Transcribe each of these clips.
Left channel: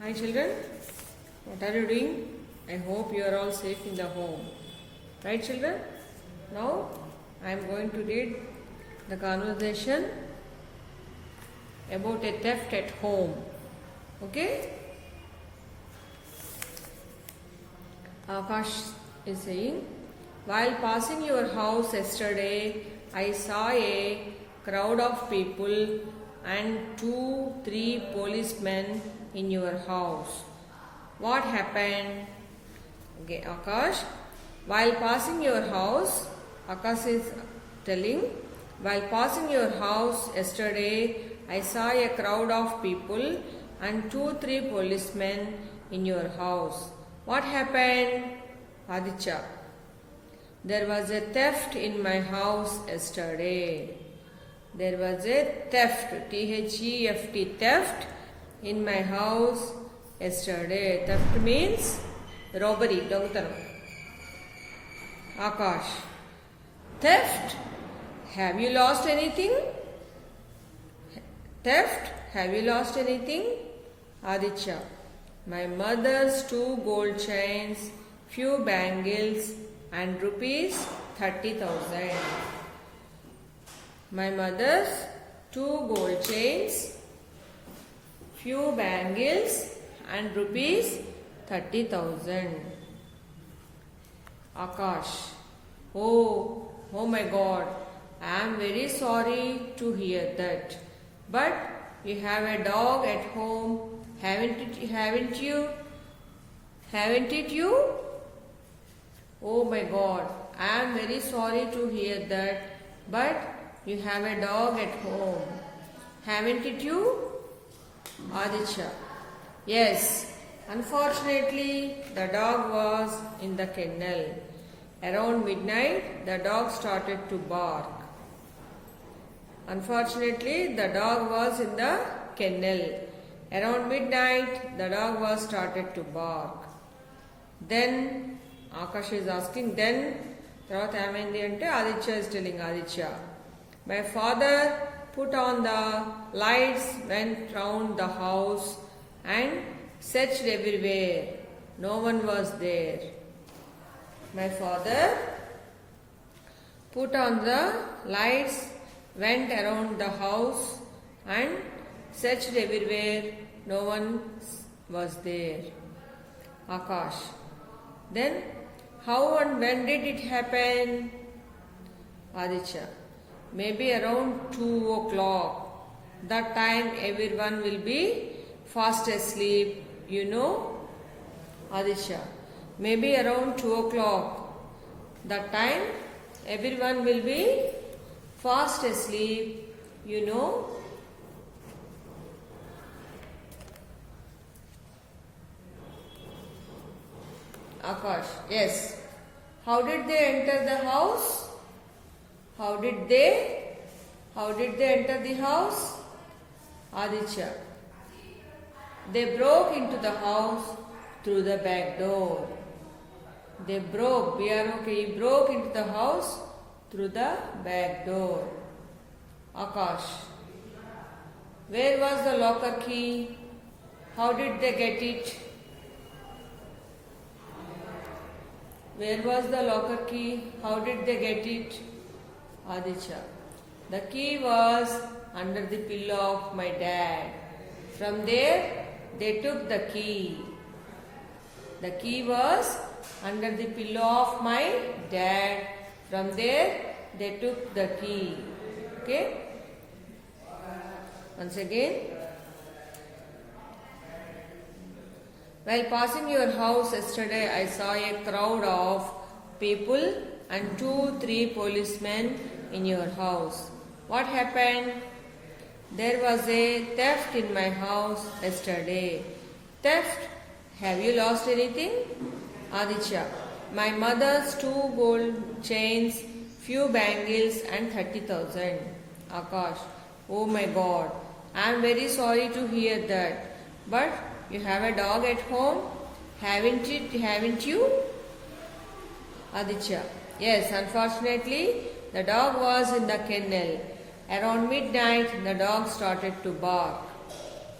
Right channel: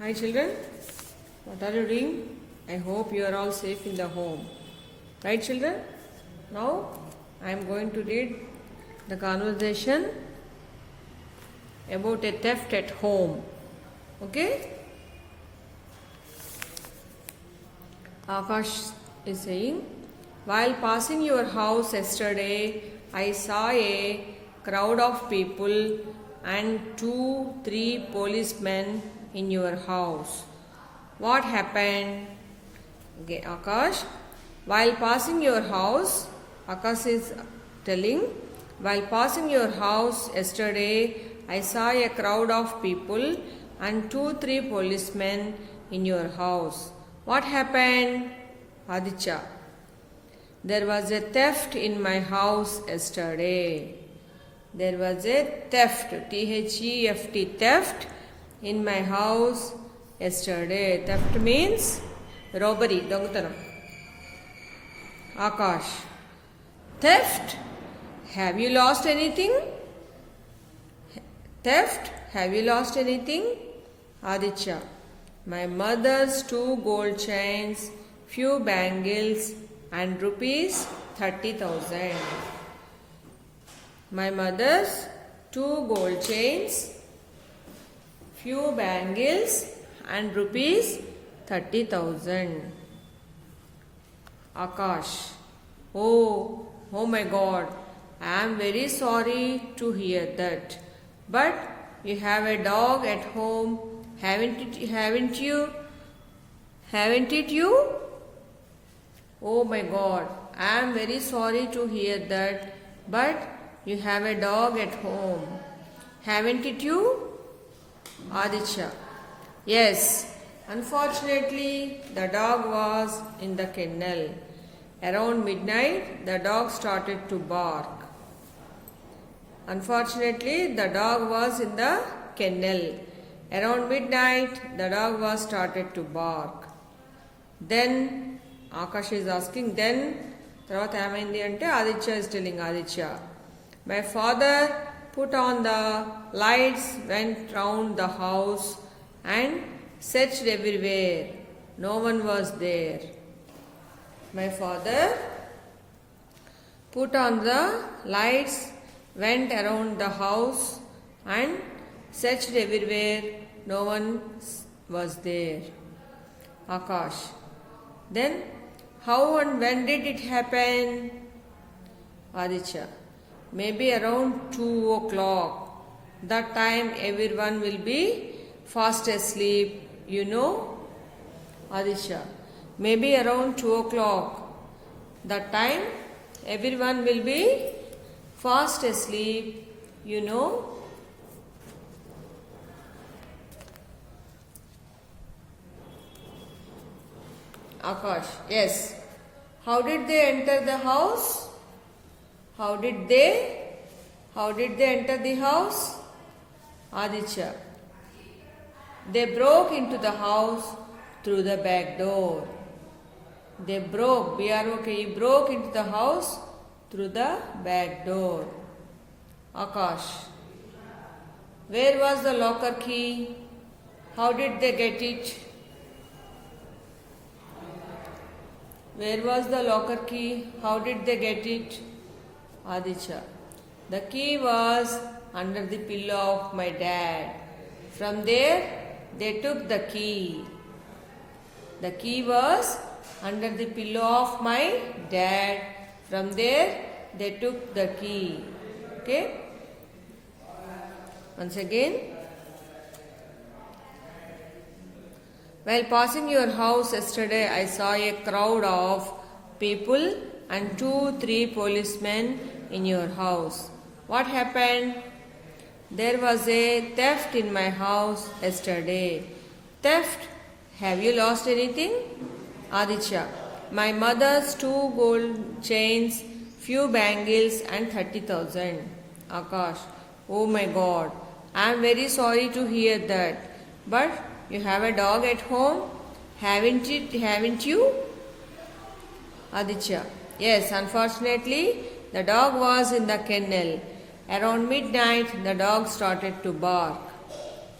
Hi children, what are you doing? I hope you are all safe in the home. Right children? Now I am going to read the conversation about a theft at home. Okay? Akash is saying, while passing your house yesterday, I saw a crowd of people and 2-3 policemen in your house. What happened? Okay, Akash. While passing your house, Akash is telling, while passing your house yesterday, I saw a crowd of people and 2-3 policemen in your house. What happened? Aditya. There was a theft in my house yesterday. There was a theft, T-H-E-F-T, theft in my house yesterday. Theft means robbery, dongatana. Akash. Theft? Have you lost anything? Theft? Have you lost anything? Aditya. My mother's 2 gold chains, few bangles and rupees 30,000. My mother's 2 gold chains, few bangles and rupees 30,000. Akash. Oh my God. I am very sorry to hear that. But you have a dog at home, haven't you? Haven't it you? Oh my God. I am very sorry to hear that. But you have a dog at home, haven't it you? Aditya. Yes. Unfortunately, the dog was in the kennel. Around midnight, the dog started to bark. Unfortunately, the dog was in the kennel. Around midnight, the dog was started to bark. Then, Akash is asking, then, తర్వాత ఏమైంది అంటే Aditya is telling Aditya. My father put on the lights, went round the house and searched everywhere. No one was there. My father put on the lights, went around the house and searched everywhere. No one was there. Akash. Then, how and when did it happen? Aditya. Maybe around 2 o'clock. That time everyone will be fast asleep, you know. Aditya. Maybe around 2 o'clock. That time everyone will be fast asleep, you know. Akash. Yes. How did they enter the house? How did they enter the house? Aditya. They broke into the house through the back door. They broke, B-R-O-K-E, broke into the house through the back door. Akash. Where was the locker key? How did they get it? Where was the locker key? How did they get it? Aditya. The key was under the pillow of my dad. From there, they took the key. The key was under the pillow of my dad. From there, they took the key. Okay? Once again. While passing your house yesterday, I saw a crowd of people and 2-3 policemen in your house. What happened? There was a theft in my house yesterday. Theft? Have you lost anything? Aditya. My mother's 2 gold chains, few bangles and 30,000. Akash. Oh my God. I am very sorry to hear that. But you have a dog at home, haven't you? Aditya. Yes, unfortunately, the dog was in the kennel. Around midnight, the dog started to bark.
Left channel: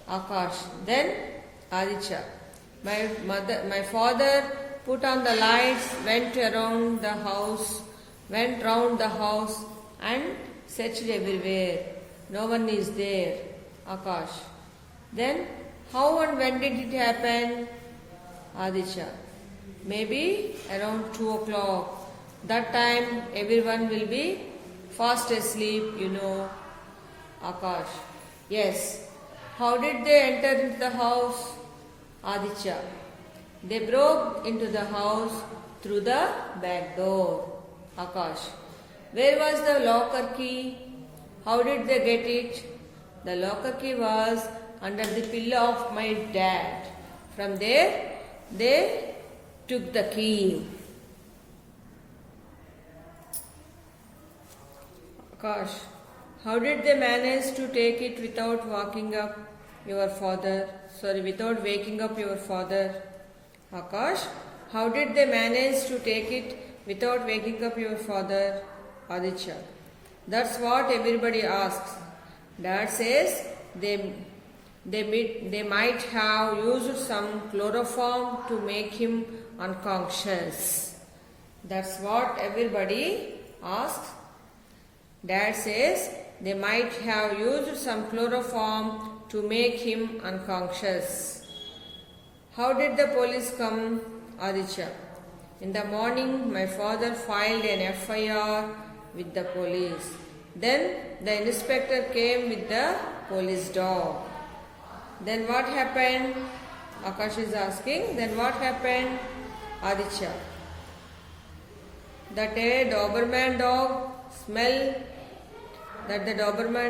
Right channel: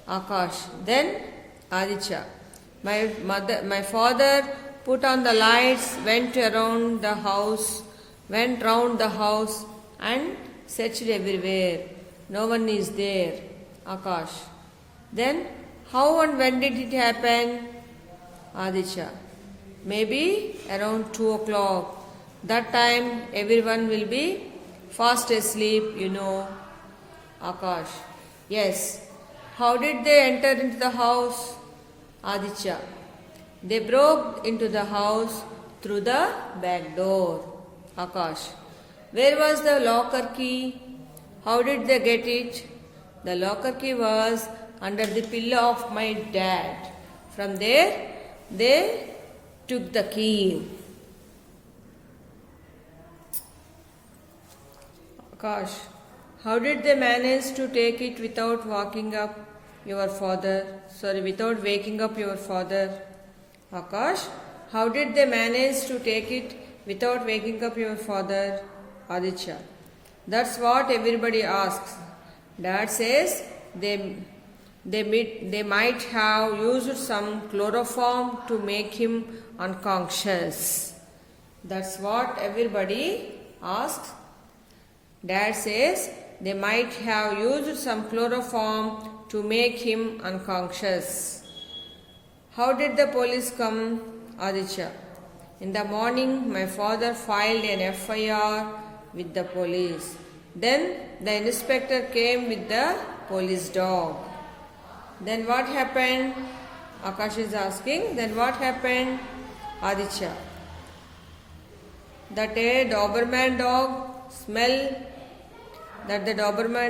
Akash. Then, Aditya. My father put on the lights, went round the house and searched everywhere. No one is there. Akash. Then, how and when did it happen? Aditya. Maybe around 2 o'clock. That time everyone will be fast asleep, you know. Akash. Yes. How did they enter into the house? Aditya. They broke into the house through the back door. Akash. Where was the locker key? How did they get it? The locker key was under the pillow of my dad. From there, they took the key. Akash. How did they manage to take it without waking up your father? Without waking up your father? Akash. How did they manage to take it without waking up your father? Aditya. That's what everybody asks. Dad says they might have used some chloroform to make him unconscious. That's what everybody asks. Dad says they might have used some chloroform to make him unconscious. How did the police come? Aditya. In the morning, my father filed an FIR with the police. Then the inspector came with the police dog. Then what happened? Akash is asking. Then what happened? Aditya. That the Doberman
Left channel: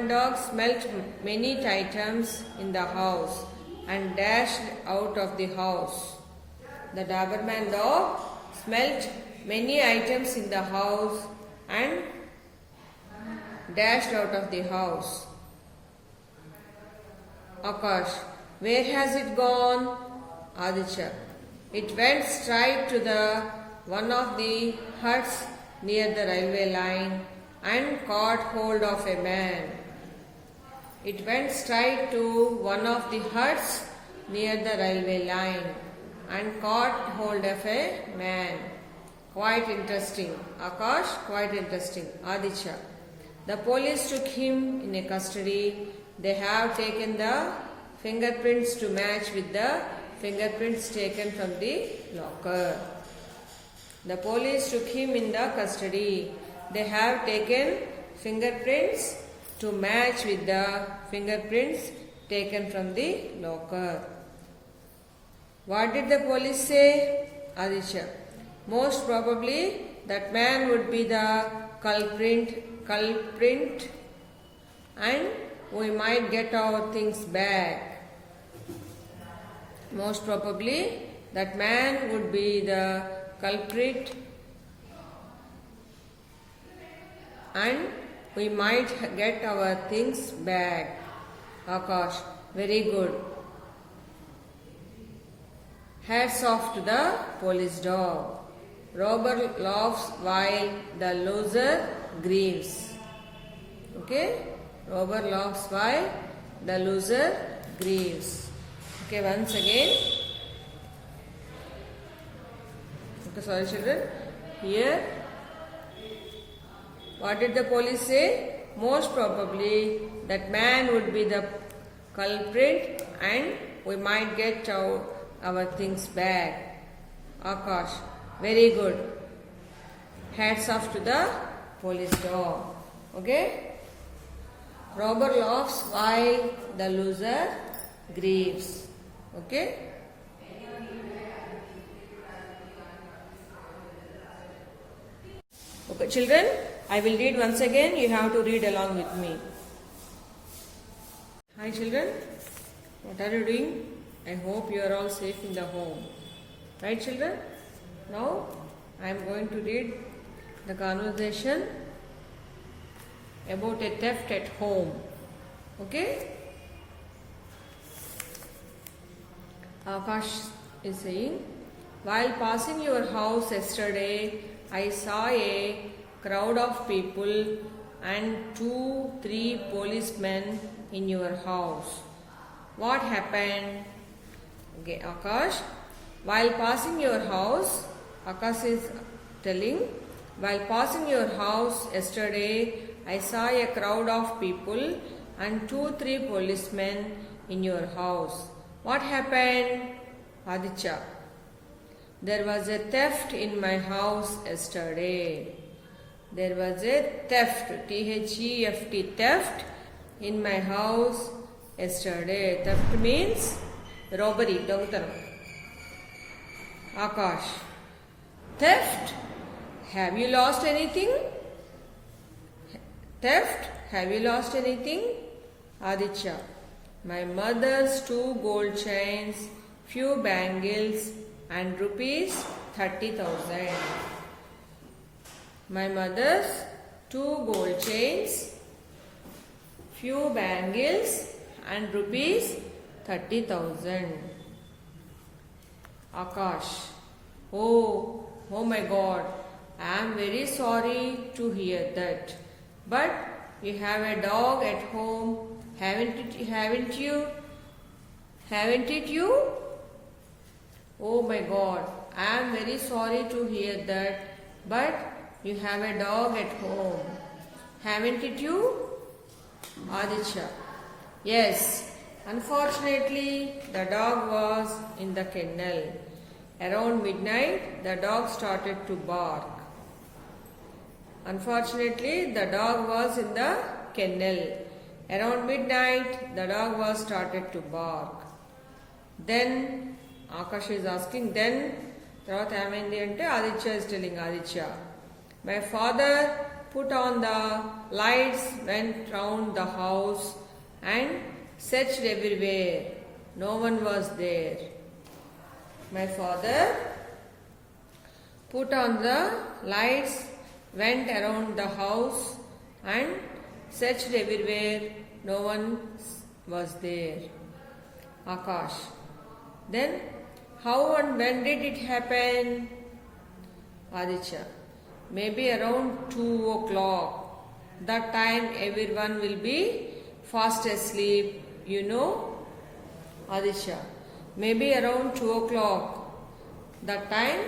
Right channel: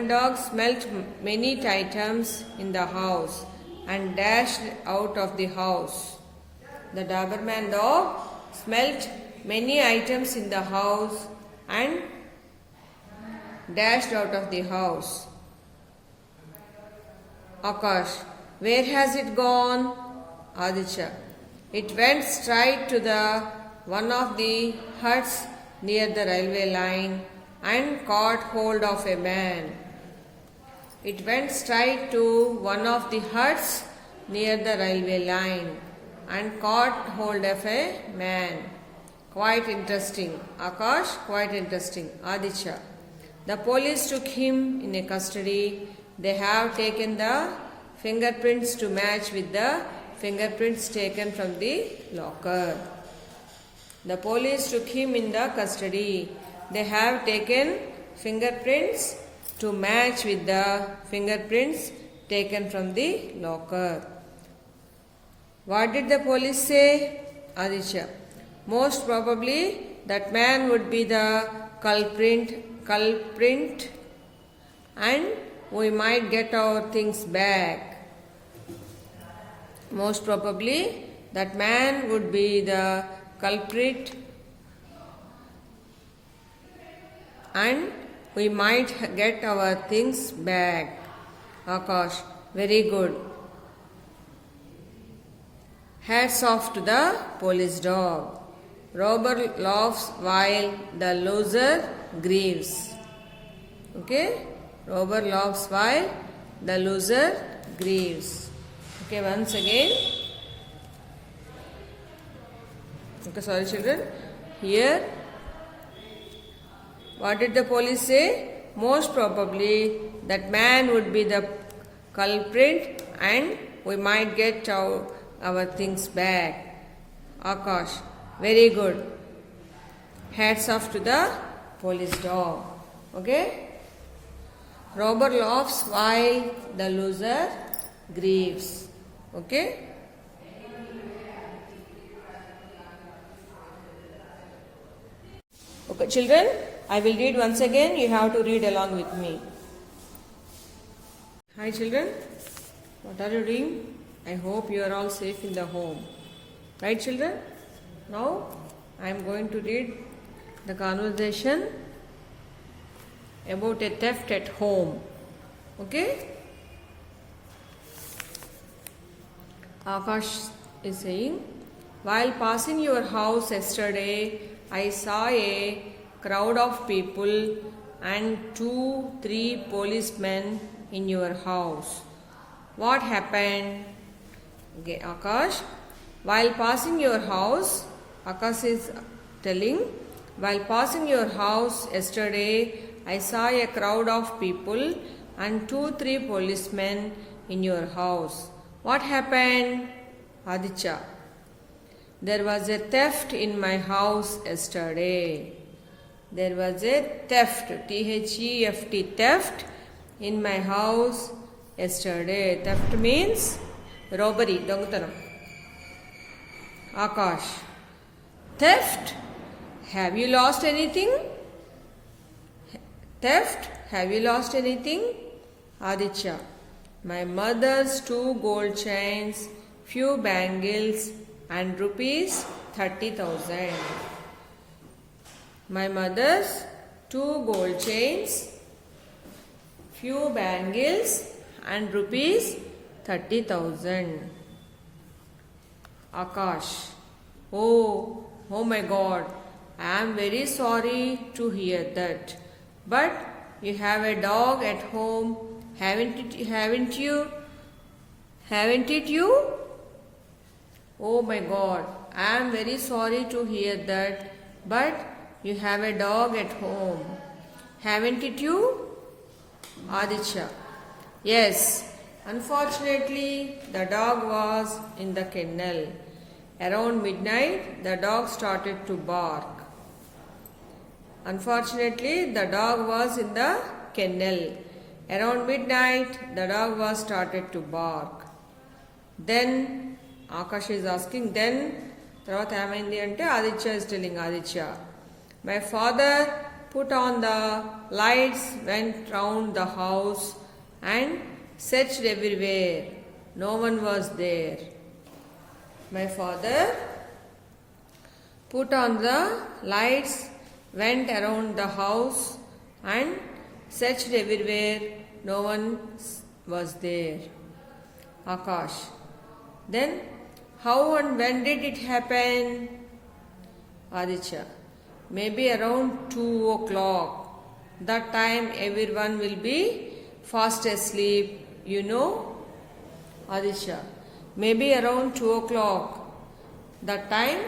dog smelt many items in the house and dashed out of the house. The Doberman dog smelt many items in the house and dashed out of the house. Akash. Where has it gone? Aditya. It went straight to one of the huts near the railway line and caught hold of a man. It went straight to one of the huts near the railway line and caught hold of a man. Quite interesting. Akash, quite interesting. Aditya. The police took him in custody. They have taken the fingerprints to match with the fingerprints taken from the locker. The police took him in the custody. They have taken fingerprints to match with the fingerprints taken from the locker. What did the police say? Aditya. Most probably that man would be the culprit and we might get our things back. Most probably that man would be the culprit and we might get our things back. Akash, very good. Hats off to the police dog. Robber laughs while the loser grieves. Okay? Robber laughs while the loser grieves. Okay, once again. Okay, sorry children. Here, what did the police say? Most probably that man would be the culprit and we might get our things back. Akash, very good. Hats off to the police dog. Okay? Robber laughs while the loser grieves. Okay? Okay, children, I will read once again. You have to read along with me. Hi, children. What are you doing? I hope you are all safe in the home. Right, children? Now, I am going to read the conversation about a theft at home. Okay? Akash is saying, while passing your house yesterday, I saw a crowd of people and 2-3 policemen in your house. What happened? Okay, Akash, while passing your house, Akash is telling, while passing your house yesterday, I saw a crowd of people and 2-3 policemen in your house. What happened? Aditya, there was a theft in my house yesterday. There was a theft, T-H-E-F-T, theft in my house yesterday. Theft means robbery, dongatanam. Akash, theft? Have you lost anything? Theft? Have you lost anything? Aditya, my mother's 2 gold chains, few bangles and rupees 30,000. My mother's 2 gold chains, few bangles and rupees 30,000. Akash, oh my God, I am very sorry to hear that. But you have a dog at home, haven't you? Haven't it you? Oh my God, I am very sorry to hear that. But you have a dog at home, haven't it you? Aditya, yes. Unfortunately, the dog was in the kennel. Around midnight, the dog started to bark. Unfortunately, the dog was in the kennel. Around midnight, the dog was started to bark. Then, Akash is asking, then, తర్వాత ఏమైంది అంటే Aditya is telling Aditya, my father put on the lights, went round the house and searched everywhere. No one was there. My father put on the lights, went around the house and searched everywhere. No one was there. Akash, then how and when did it happen? Aditya, maybe around 2 o'clock. That time everyone will be fast asleep, you know. Aditya, maybe around 2 o'clock. That time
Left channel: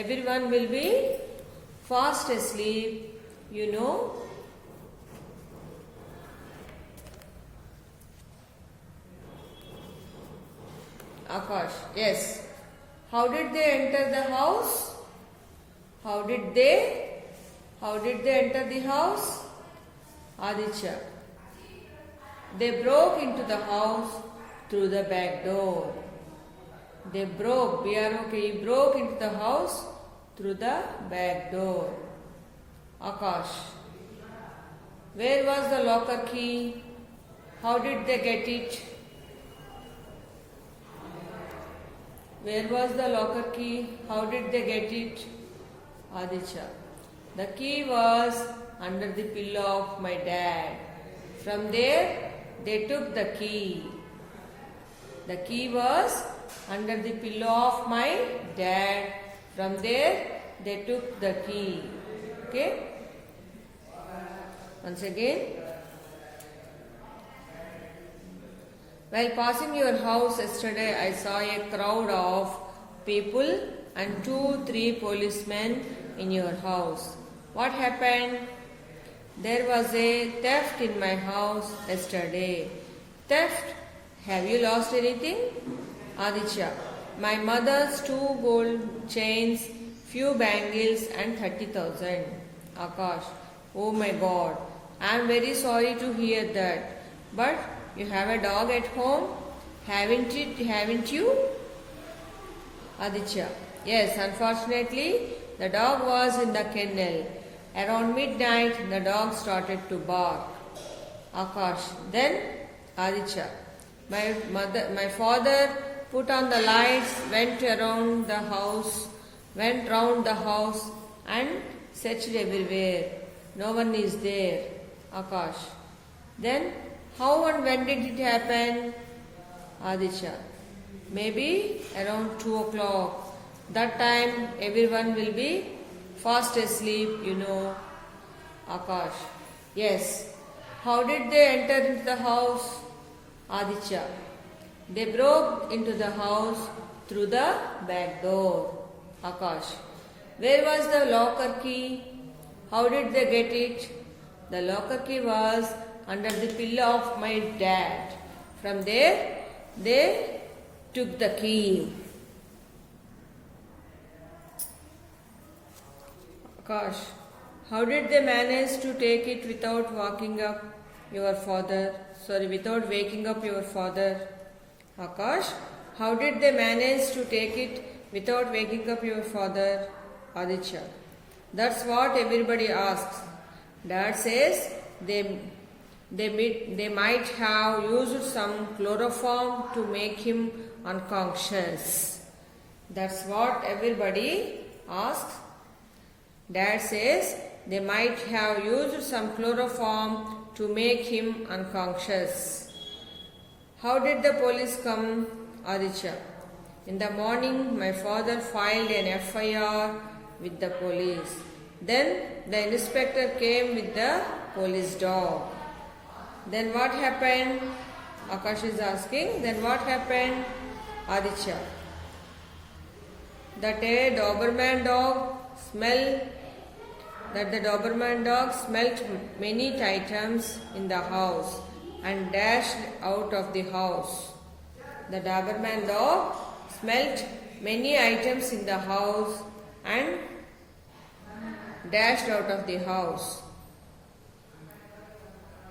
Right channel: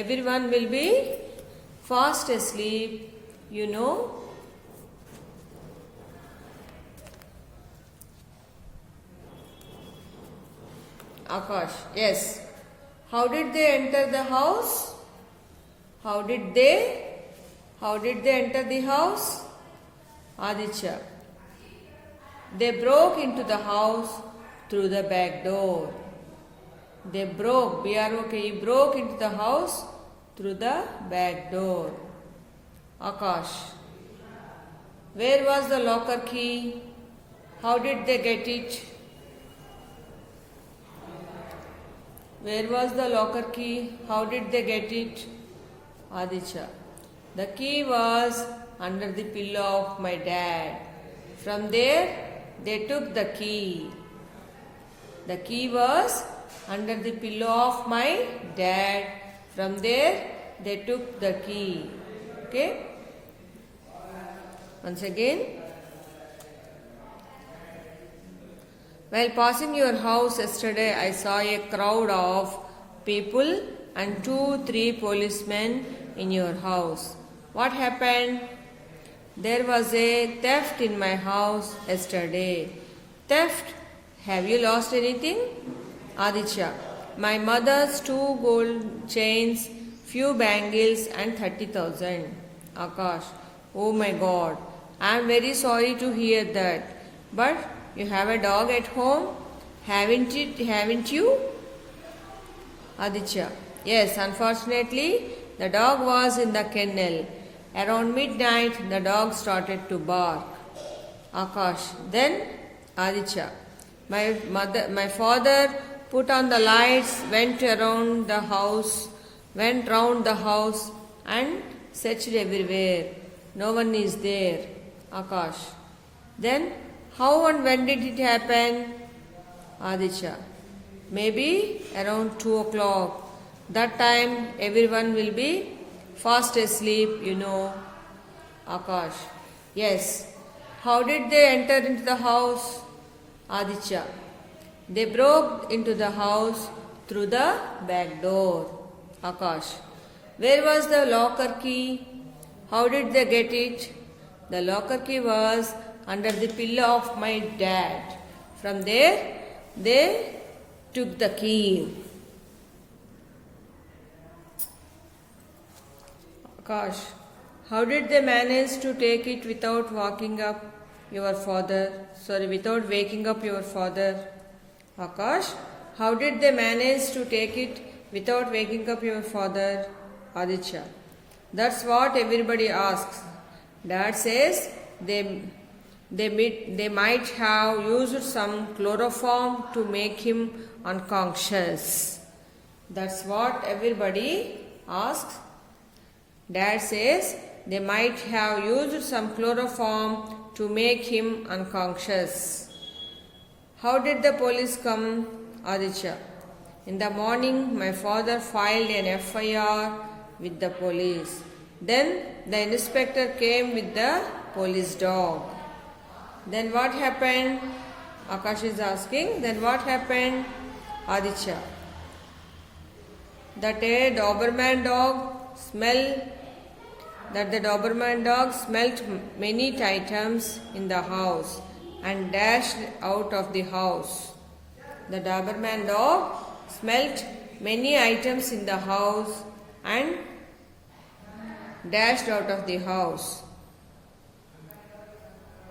everyone will be fast asleep, you know. Akash, yes. How did they enter the house? How did they enter the house? Aditya, they broke into the house through the back door. They broke, B-R-O-K-E, broke into the house through the back door. Akash, where was the locker key? How did they get it? Where was the locker key? How did they get it? Aditya, the key was under the pillow of my dad. From there, they took the key. The key was under the pillow of my dad. From there, they took the key. Okay? Once again. While passing your house yesterday, I saw a crowd of people and 2-3 policemen in your house. What happened? There was a theft in my house yesterday. Theft? Have you lost anything? Aditya, my mother's 2 gold chains, few bangles and 30,000. Akash, oh my God, I am very sorry to hear that. But you have a dog at home, haven't you? Aditya, yes, unfortunately, the dog was in the kennel. Around midnight, the dog started to bark. Akash, then Aditya, my father put on the lights, went round the house and searched everywhere. No one is there. Akash, then how and when did it happen? Aditya, maybe around 2 o'clock. That time everyone will be fast asleep, you know. Akash, yes. How did they enter into the house? Aditya, They broke into the house through the back door. Akash. Where was the locker key? How did they get it? The locker key was under the pillow of my dad. From there, they took the key. Akash. How did they manage to take it without waking up your father? Without waking up your father? Akash. How did they manage to take it without waking up your father? Aditya. That's what everybody asks. Dad says they might have used some chloroform to make him unconscious. That's what everybody asks. Dad says they might have used some chloroform to make him unconscious. How did the police come? Aditya. In the morning, my father filed an FIR with the police. Then the inspector came with the police dog. Then what happened? Akash is asking. Then what happened? Aditya. That the Doberman dog smelt many items in the house and dashed out of the house. The Doberman dog smelt many items in the house and dashed out of the house.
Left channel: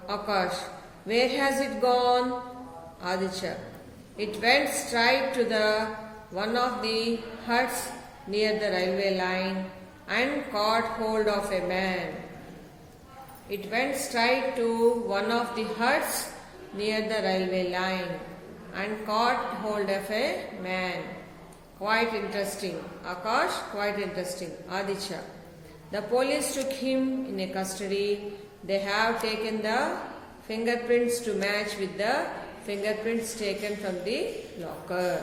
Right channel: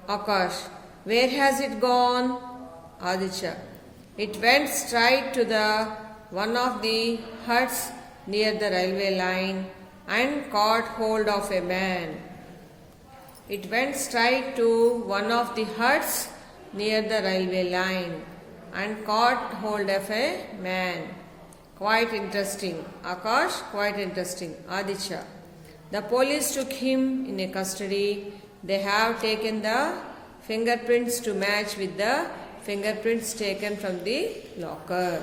Akash. Where has it gone? Aditya. It went straight to one of the huts near the railway line and caught hold of a man. It went straight to one of the huts near the railway line and caught hold of a man. Quite interesting. Akash, quite interesting. Aditya. The police took him in custody. They have taken the fingerprints to match with the fingerprints taken from the locker.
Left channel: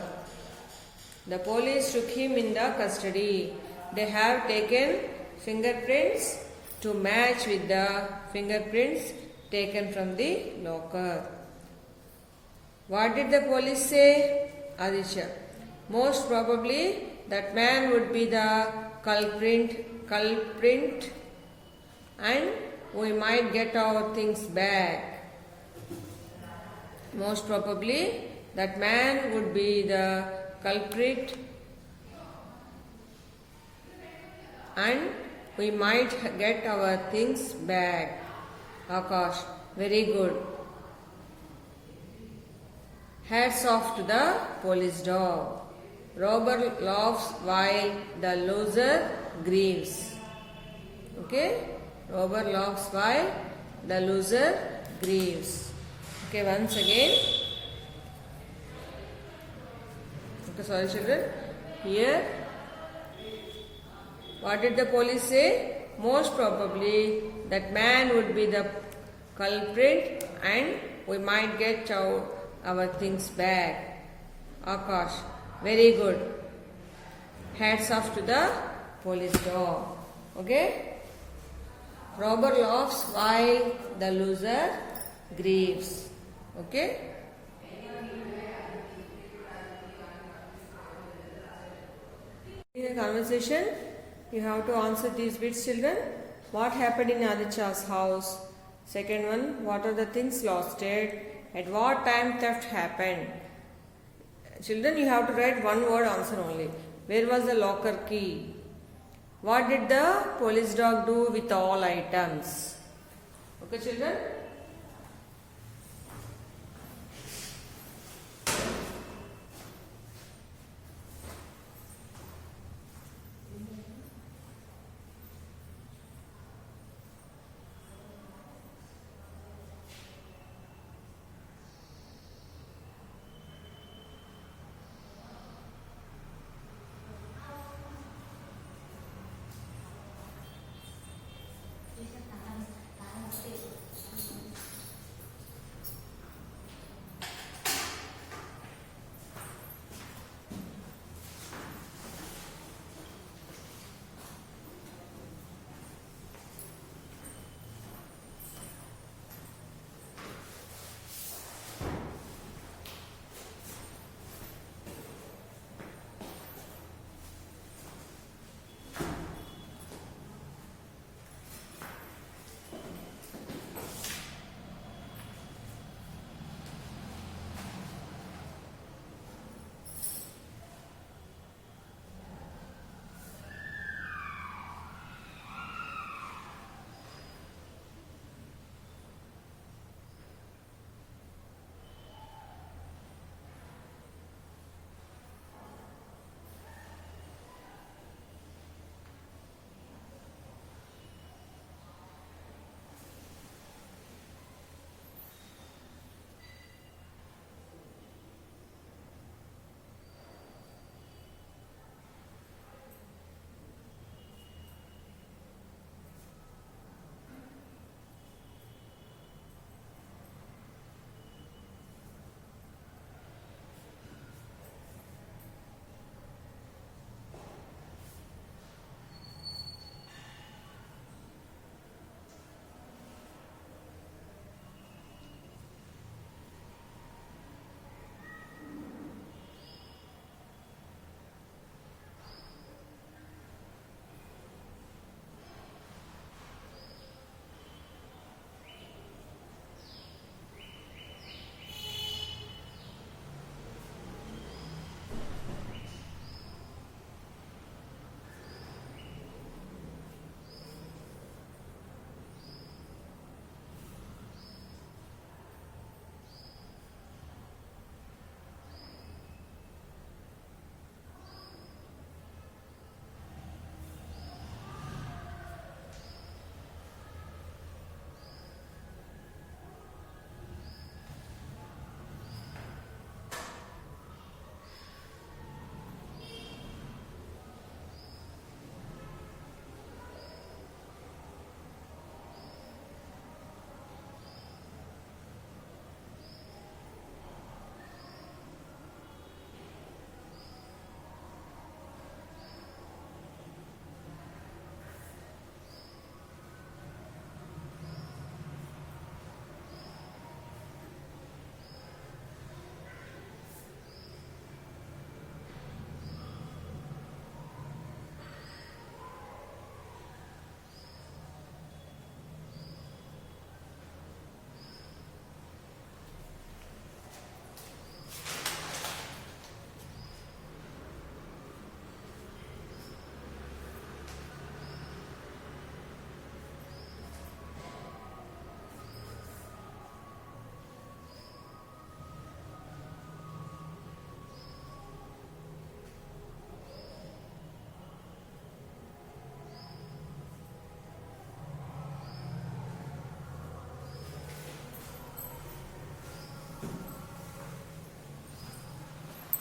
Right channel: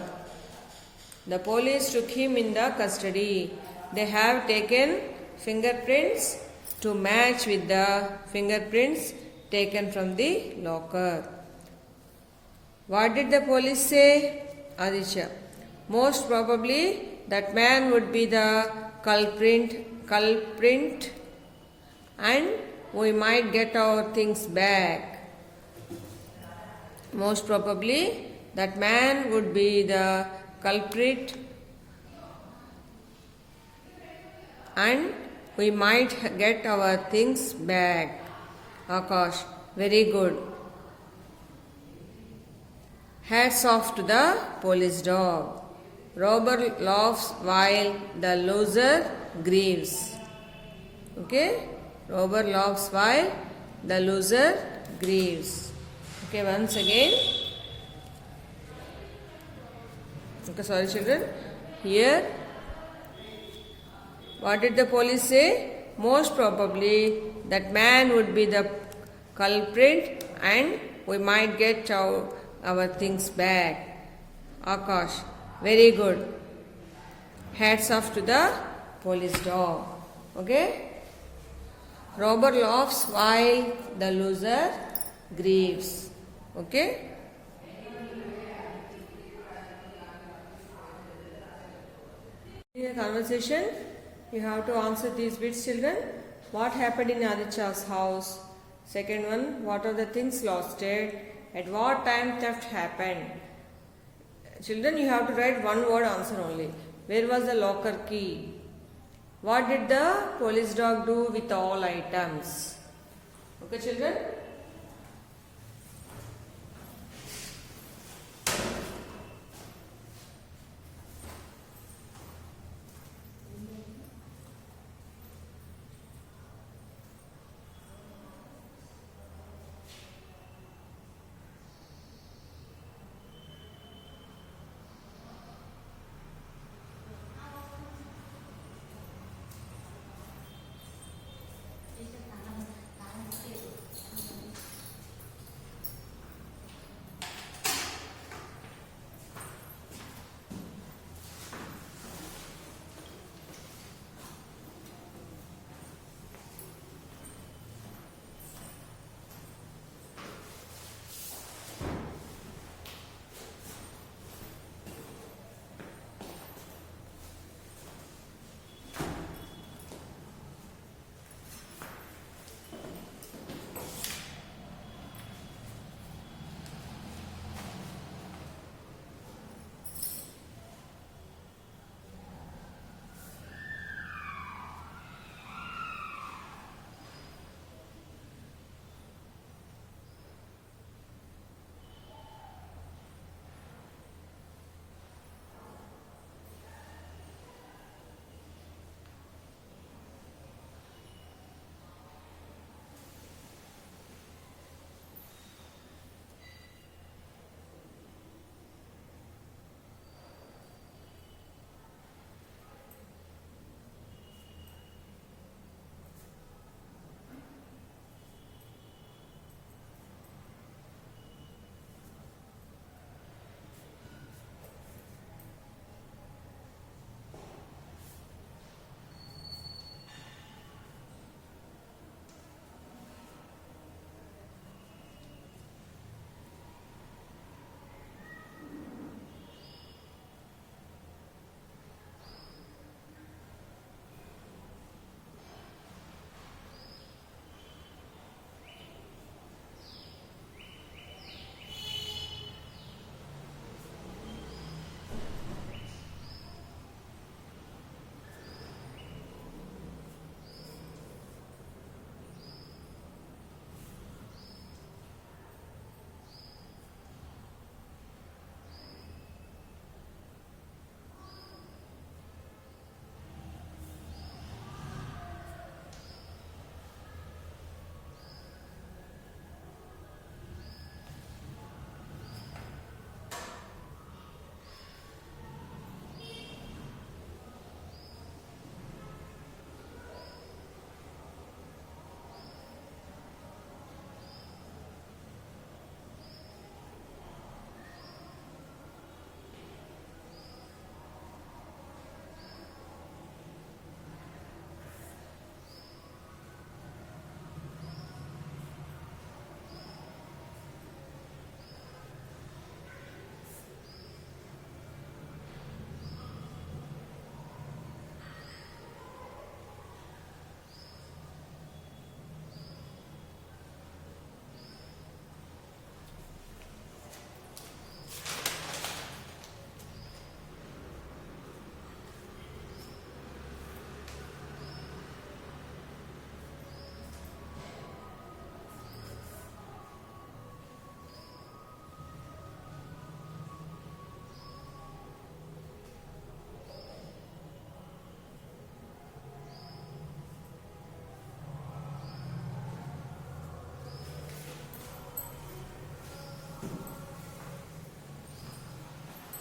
The police took him in the custody. They have taken fingerprints to match with the fingerprints taken from the locker. What did the police say? Aditya. Most probably that man would be the culprit and we might get our things back. Most probably that man would be the culprit and we might get our things back. Akash, very good. Hats off to the police dog. Robber laughs while the loser grieves. Okay? Robber laughs while the loser grieves. Okay, once again. Okay, sorry children. Here, what did the police say? Most probably that man would be the culprit and we might get our things back. Akash, very good. Hats off to the police dog. Okay? Robber laughs while the loser grieves. Okay? In the conversation, you have to answer these bits, children. What happened in Aditya's house? Second one, what are the things lost? At what time theft happened? Children, you have to write one word answer only. Where was the locker key? What did the police dog do with all items? Okay, children?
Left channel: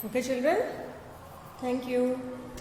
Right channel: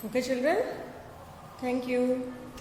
Okay, children? Thank you.